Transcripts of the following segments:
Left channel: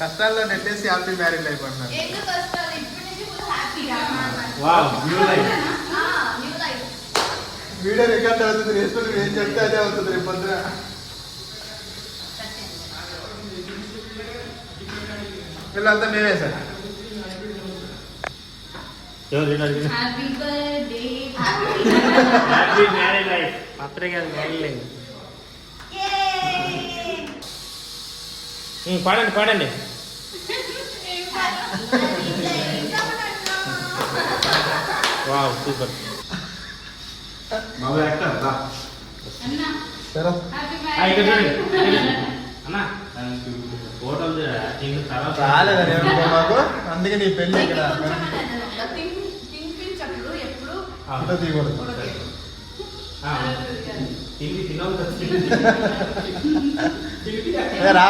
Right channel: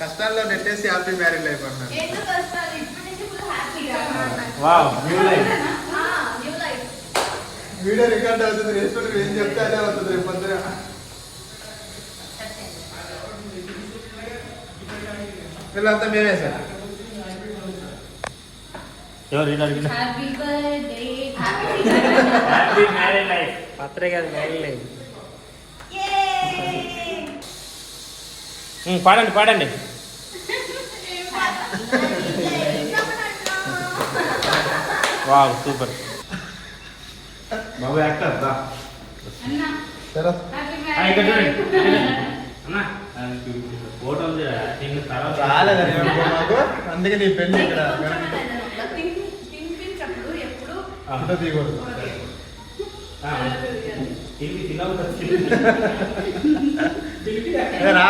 కష్టాల్లో నెట్టేసి happy marriage life అన్నారు. వీడియో రికార్డ్ అవుతుంది, వేసుకుంటే ఏం చెప్తే అదే అవుతుంది రేపు పొద్దున. వీళ్ళంతా మేమే సార్. పత్రే కాదు మ్యారేజ్ లైఫ్. పాడండి పాడండి. Wow super. బాబు యాక్టర్ దా. ఇక్కడ చూడండి అన్న ఫోటోలు మాకు అందుకే నీ పెళ్ళి ఇక్కడ ఫోటో తీయకూడదు. రా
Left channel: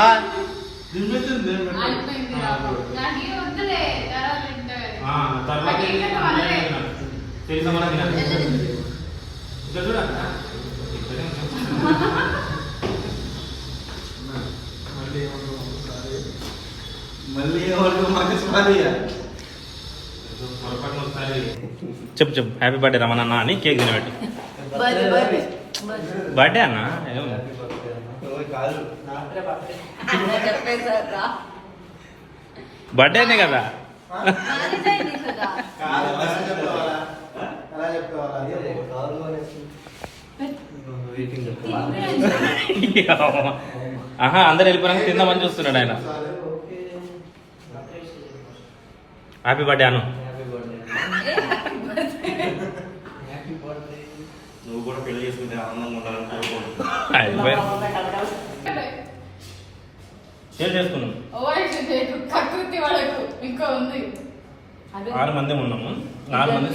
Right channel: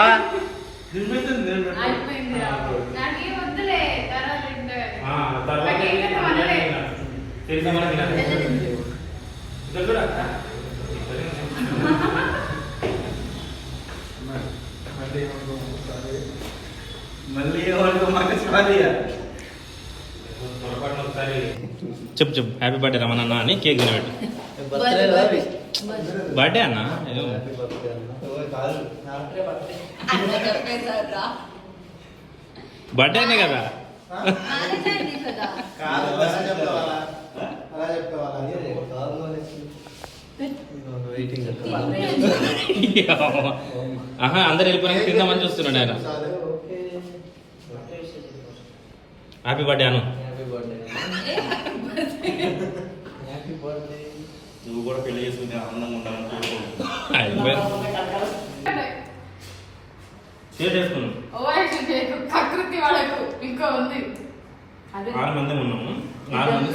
మళ్ళీ చెప్పు చెప్పు. హ్యాపీ బర్త్డే రమణన్న అని కేక్ తినబెట్టి. బర్త్డే అన్న బర్త్డేనే కదా. ఆహా అందరు వెళ్ళిపోయినా తిందామని చూస్తున్నాడు ఆయన. హ్యాపీ బర్త్డే అను. నువ్వు కూడా పెళ్లి చేసుకుంటే ఆనందంగా ఉండాలని షేర్ చేసుకున్నాం. 6 మంది ఉన్నాము. 4 మంది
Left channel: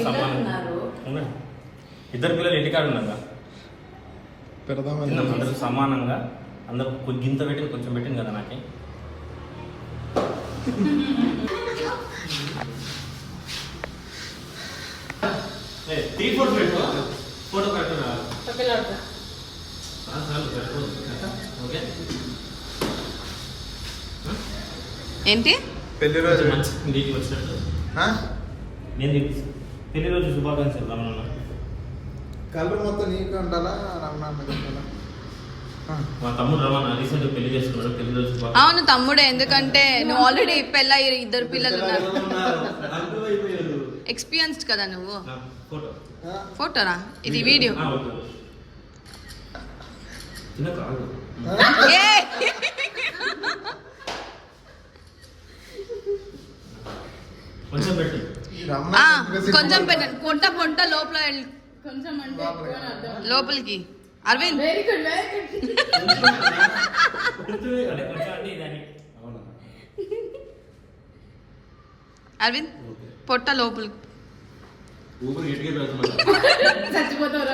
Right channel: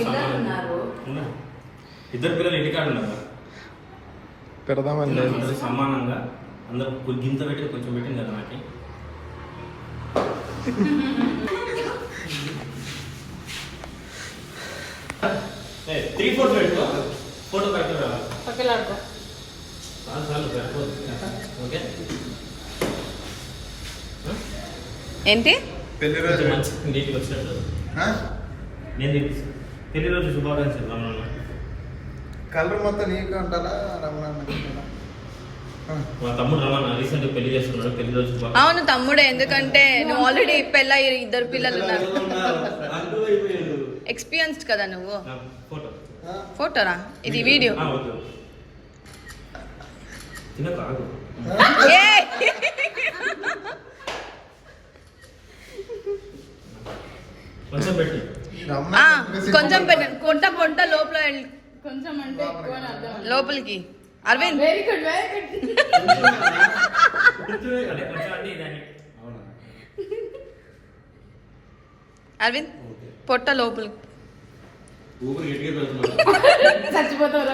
ఇద్దరు పిల్లలు ఇంటికాడ ఉన్నారు. పెడదామని సమానంగా అందరూ గింత పెట్టి కొంచెం పెట్టింది కదా నాకు. త్రీ ఫోటో పెట్టు. ఫోటో పెట్టు. ఓకే ఏంటి పెళ్లి రోజు మంచి ఇంటికి వచ్చినట్టు నేను పెళ్లి రోజు శుభాకాంక్షలు రమణ. కలర్ మొత్తం నీకు ఉండాలా? మా తమ్ముడు రమణ రీసెంట్ పెళ్లి చేసుకున్నాడు. పెళ్లి రోజు అవును తమ్ముడే, ఎందుకంటే నువ్వు ఆల్రెడీ పెళ్ళి 2 పిల్లలు ఉన్నారు. ఎక్స్పీరియన్స్డ్ కదా నువ్వు. ఫోటోరా ఇది వీడియో. కొంచెం పెట్టి కొంచెం పెట్టండి. పొంట లోపల లోపలికి. అరవింద్ అరవింద్ పొట్ట లోపలికి. చచ్చిపోతావు.